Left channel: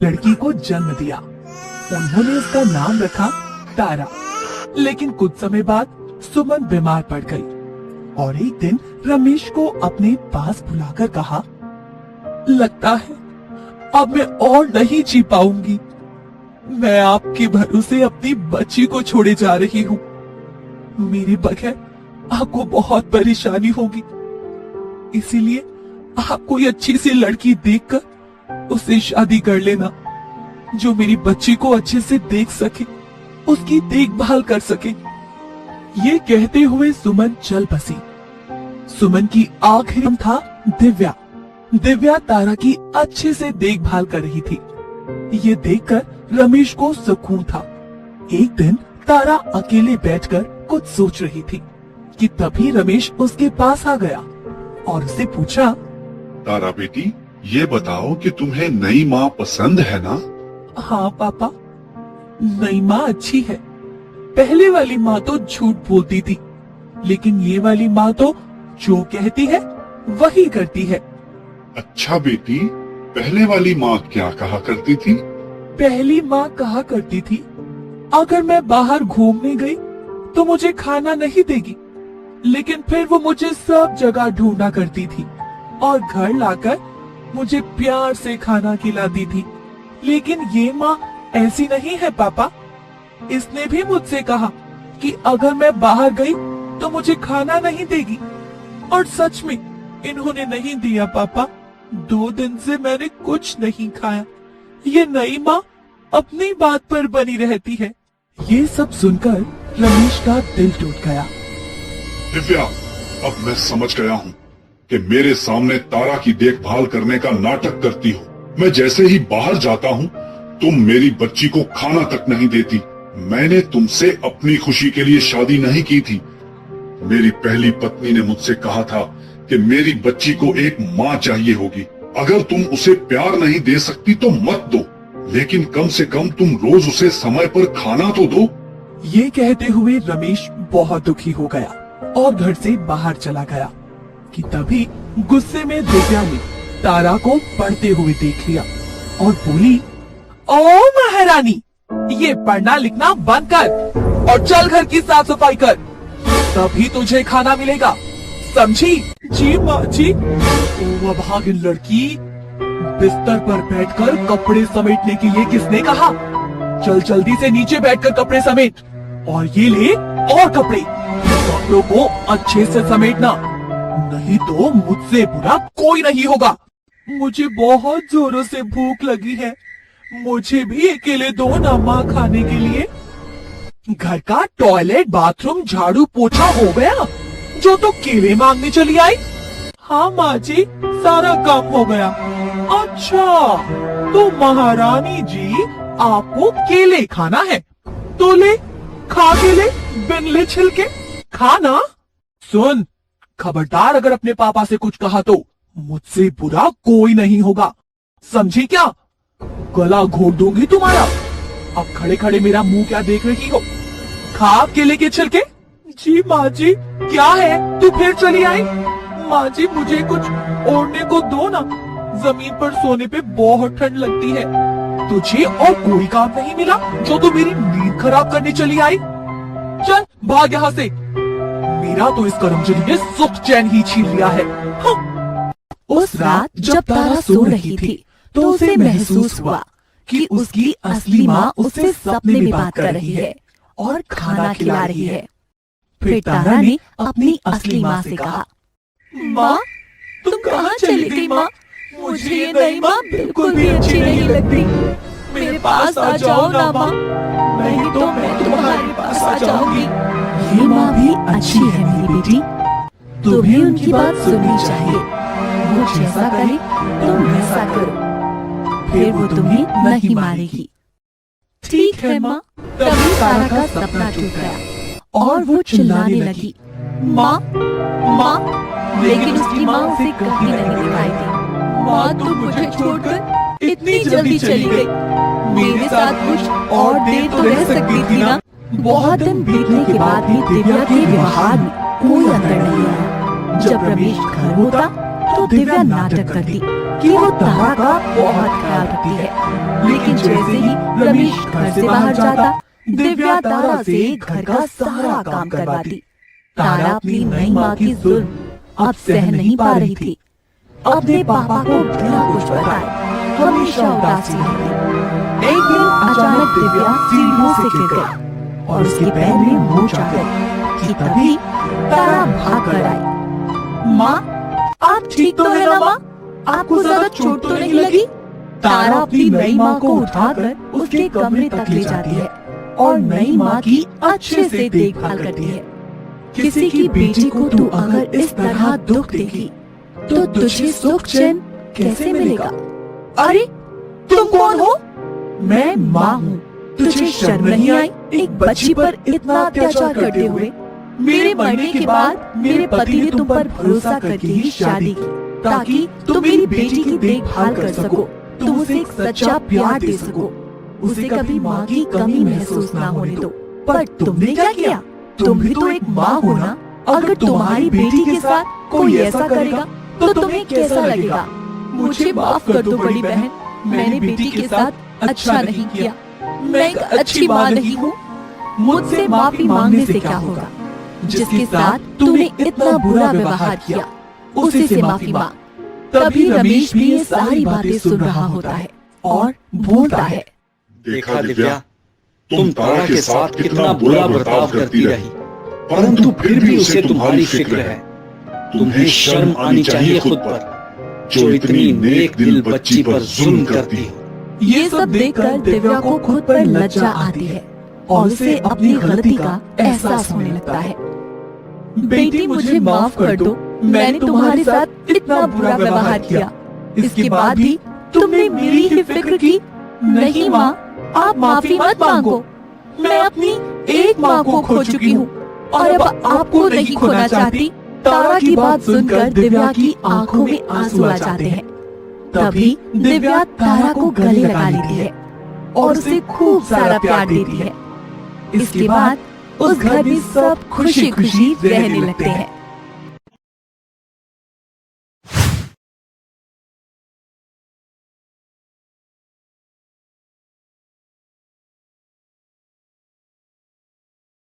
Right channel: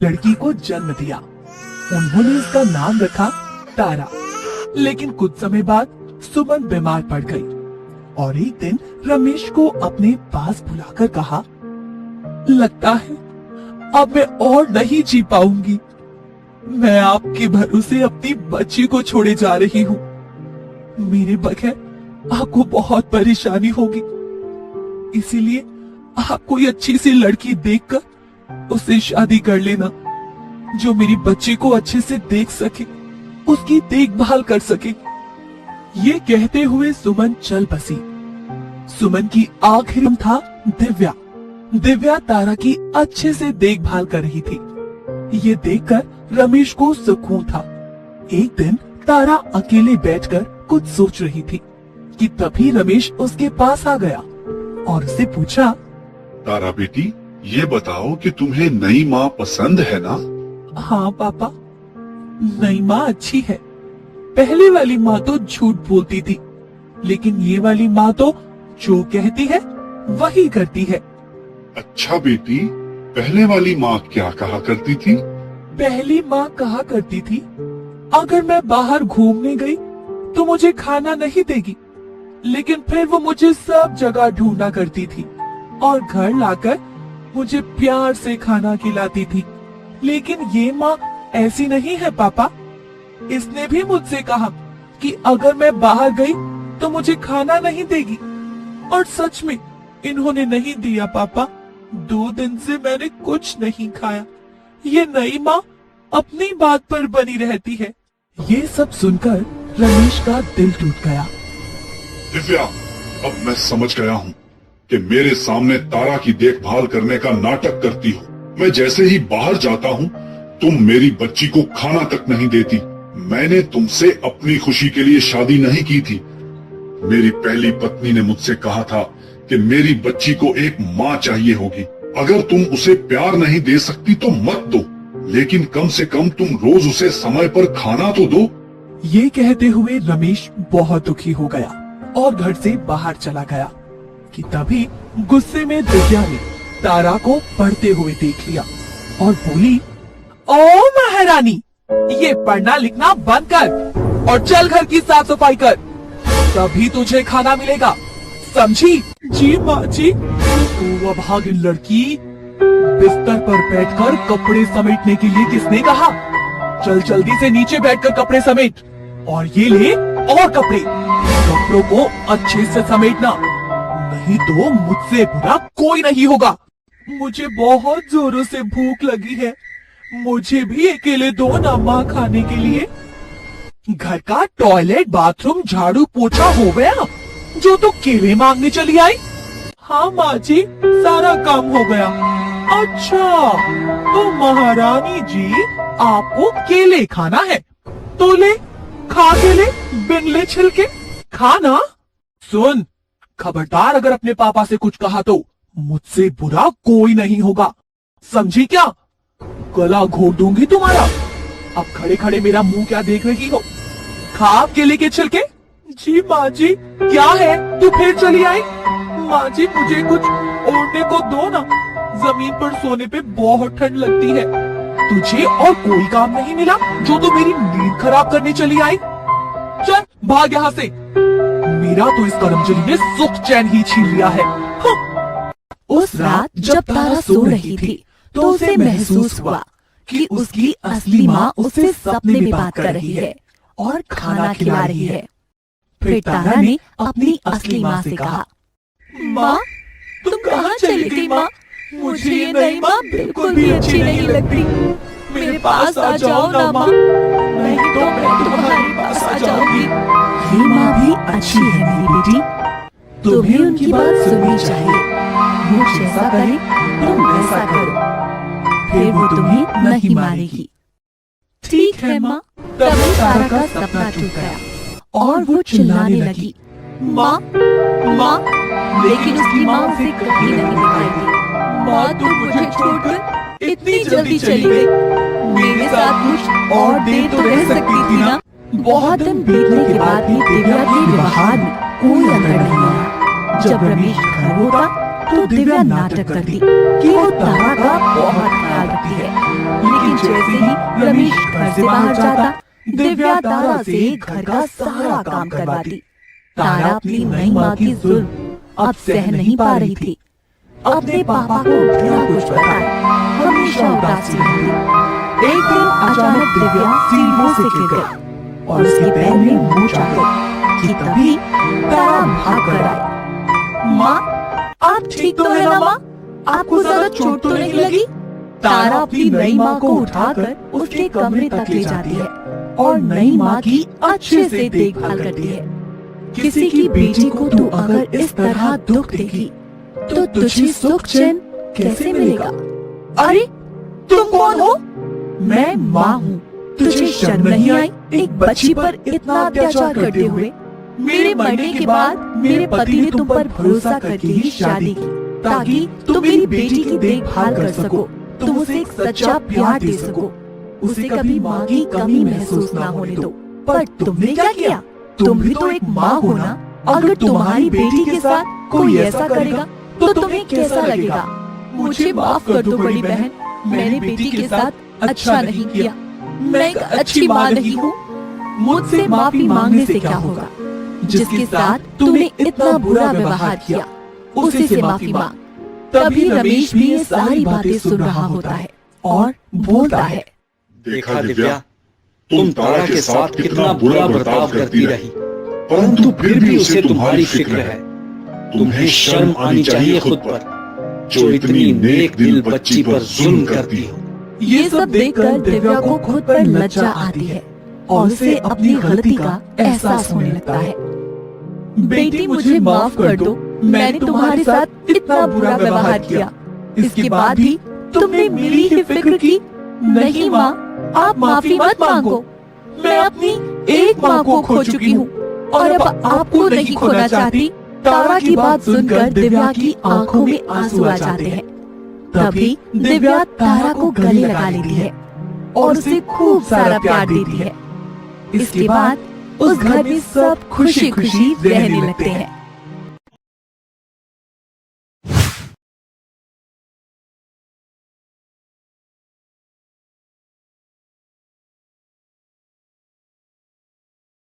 लड़की को जन्म दिया। उन्होंने उसका नाम रखा तारा। लेकिन कुछ समय बाद सुमन बीमार पड़ गई और एक दिन रमेश को अपने पास बुलाकर कहा, लगता है अब मैं और नहीं जी पाऊंगी। मैं आपके भरोसे अपनी बच्ची को छोड़े जा रही हूँ। मेरे बगैर आपको बहुत परेशानी होगी, इसीलिए आप कोई अच्छी सी लड़की देखकर उससे शादी कर लेना, जो मेरी बच्ची को अच्छे से देख सके, उसकी देखभाल कर सके। ये कहते हुए सुमन चल बसी। सुमन की आखिरी नाम था दिव्या। दिव्या तारा की अच्छे से देखभाल कर रही थी। ये देखकर रमेश को सुकून था। एक दिन तारा अकेले बैठकर कुछ सोच रही थी कि तभी रमेश उसके पास आ गया और उससे पूछा, तारा बेटी, ये बताओ कि तुम्हें नई माँ पसंद है ना? हाँ पापा, नई माँ अच्छी है। पहले वाली माँ तो झूठ बोलती थी, लेकिन ये वाली माँ तो जो कहती है वही करती है। अच्छा बेटी, पहले वाली माँ क्या कहा करती थी? पहली माँ कहा करती थी, अगर मैं बाहर घूमने गई तो मुझे खाना नहीं देगी, लेकिन फिर वो मुझे सब जगह ढूंढा करती थी और घर लाकर मुझे प्यार से खाना खिलाती थी। लेकिन ये माँ ऐसी नहीं है पापा। इसने भी मुझसे कहा कि अगर मैं बाहर गई तो मुझे खाना नहीं देगी, और सच में इन्होंने नहीं दिया पापा। 2 दिन से मैंने कुछ नहीं खाया। ये नई माँ अपनी बात पर बनी रहती है। ये सब सुनकर रमेश का दिल टूट गया। दिव्या, अब मैं समझ गया हूँ कि मेरे सामने तारा की देखभाल करने का नाटक करती हो। मैं जैसे ही बाहर जाता हूँ, तुम मेरी बच्ची को खाना तक नहीं देती। मैंने तुमसे अपनी खुशी के लिए शादी नहीं की थी। मेरी पहली पत्नी ने मुझसे कहा था कि मेरी बच्ची को एक माँ चाहिए होगी। अगर तुम उसे प्यार नहीं दे सकती तो मत दो, लेकिन कम से कम तुम रोज उसे समय पर खाना तो दो। ये कहते हुए रमेश बहुत दुखी हो गया और घर से बाहर चला गया कि तभी गुस्से में दिव्या ने तारा को पढ़ते हुए देख लिया और बोली, ओ महारानी, ये पढ़ना लिखना बंद कर और चल घर की साफ सफाई कर, तभी तुझे खाना मिलेगा, समझी? जी माँ जी। ओ अभागिन लड़की, बिस्तर पर बैठकर कपड़े समेटने के लिए किसने कहा? चल जल्दी से नीचे बैठकर कपड़े समेट, और ये ले और कपड़े। कपड़ों को अच्छे से समेटना, नहीं तो मुझसे बुरा कोई नहीं होगा। मुझे बहुत जोरों से भूख लगी है, मुझे भी अकेले दो ना माँ खाने के लिए। घर का टॉयलेट, बाथरूम, झाड़ू पोछा हो गया, जो तो केले मांगने चली आई? हाँ माँ जी, सारा काम हो गया। अच्छा, तो महारानी जी आपको केले खाना है तो ले, खा केले बिन ले छिलके खाना। सुन, खबरदार अगर अपने पापा से कुछ कहा तो मुझसे बुरा कोई नहीं होगा, समझी क्या? गला घोट दूंगी तुम्हारा। अब खड़े खड़े मेरा मुंह क्या देख रही हो? खा आप केले के छिलके। जी माँ जी। क्या है, तू फिर चली आई? माँ जी मुझे कुछ ओढ़ने को दो ना, जमीन पर सोने पे बहुत ठंड लगती है। तुझे और कोई काम नहीं मिला जो तू मेरी नींद खराब करने चली आई? चल भाग यहाँ से, मेरा तो इस करमचली ने सुख चैन ही छीन लिया है। उस रात जब तारा सो रही थी तो उसे महसूस हुआ कि उसकी असली माँ उससे सपने में बात कर रही है और खाना खिला रही है। फिर तारा ने अपनी असली माँ से कहा, माँ, तुम कहाँ चली गई माँ? मुझे ये नई माँ बिल्कुल भी अच्छी नहीं लगती। मेरे पास आ जाओ ना माँ, नहीं तो मैं तुम्हारे पास आ जाऊंगी। ये माँ भी अच्छी है मेरी बेटी, तुम्हें उनकी बात सुननी चाहिए। वो जैसा कहे तुम वैसा करो, फिर वो तुम्हें नहीं मारेगी। ठीक है माँ। तभी तारा का सपना टूट गया और वो चिल्लाने लगी, माँ माँ, लेकिन उसकी माँ उसे कहीं नहीं दिखाई दी। माँ तुम मुझे छोड़कर इतनी जल्दी चली गई, मेरे साथ कुछ और देर तो रह सकती थी ना। बहुत दिन बीतने के बाद भी दिव्या के व्यवहार में कोई अंतर नहीं आया। जब रमेश घर होता तो दिव्या नाटक करती कि वो तारा का बहुत ख्याल रखती है। लेकिन जैसे ही रमेश घर से बाहर जाता, दिव्या तारा से घर का सारा काम करवाती। तारा अपनी नई माँ की जुल्म अब सह नहीं पा रही थी। अपने पापा को बिना कुछ बताए हमेशा उदासी रहती। एक दिन अचानक दिव्या सीढ़ियों से गिर गई और उसके पैर में मोच आ गई कि तभी तारा भाग कर आई। माँ, आप ठीक तो है ना माँ? आपको ज्यादा चोट तो नहीं लगी? तारा अपनी नई माँ को उठाकर उसके कमरे तक ले जाती है और नई माँ की अच्छे से देखभाल करती है। किसी की बेटी को तू अगर इस तरह दुख देगी तो तुझे सुख चैन कैसे मिलेगा? अरे तुम कौन हो? मैं माँ हूँ। तुझे शर्म नहीं आई एक बच्ची पर इतना अत्याचार करते हुए? मेरे मरने के बाद मेरे पति ने तुम पर भरोसा करके ही शादी की ताकि तुम मेरी बेटी की देखभाल कर सको, तुम उसे एक सच्चा प्यार दे सको, उसे कभी माँ की कमी महसूस ना होने दो। पर तुमने क्या किया? तुम भी तो एक माँ हो ना। अगर तुम्हारी बेटी के साथ कोई ऐसा करेगा तो तुम्हें कैसा लगेगा? मुझे माफ कर दो बड़ी बहन, मैंने बेटी के साथ अच्छा नहीं किया। मैं एक अच्छी माँ नहीं हूँ। मुझसे माफी मांगने से क्या होगा? जिसके साथ तूने इतना बुरा व्यवहार किया उसी से माफी मांग। तभी रमेश भी ये सारी बातें सुन रहा होता है और बोलता है, देखा दिव्या, तुम तारा के साथ कितना बुरा बर्ताव करती रही, परंतु फिर भी उसे तुम्हारी फिक्र है। तुम्हें शर्म आनी चाहिए खुद पर, जो इतनी नेक दिल बच्ची पर जुल्म करती हो। ये सब देखकर दिव्या को खुद पर लज्जा आती है और उसे अपनी गलती का एहसास होने लगता है। बेटी, मुझे माफ कर दो, मैंने तुम्हारे साथ इतना बुरा व्यवहार किया, इसके बाद भी तुमने मेरी ही फिक्र की। नहीं माँ, आप माफी मत मांगो। मैं अपनी एक माँ को खो चुकी हूँ और अब आपको नहीं खोना चाहती। तारा की बात सुनकर दिव्या की आंखों में आंसू आ जाते हैं। तभी दिव्या तारा को गले लगा लेती है और उसे खूब सारा प्यार देती है। इसके बाद उस घर में सब खुशी खुशी रहने लगते हैं।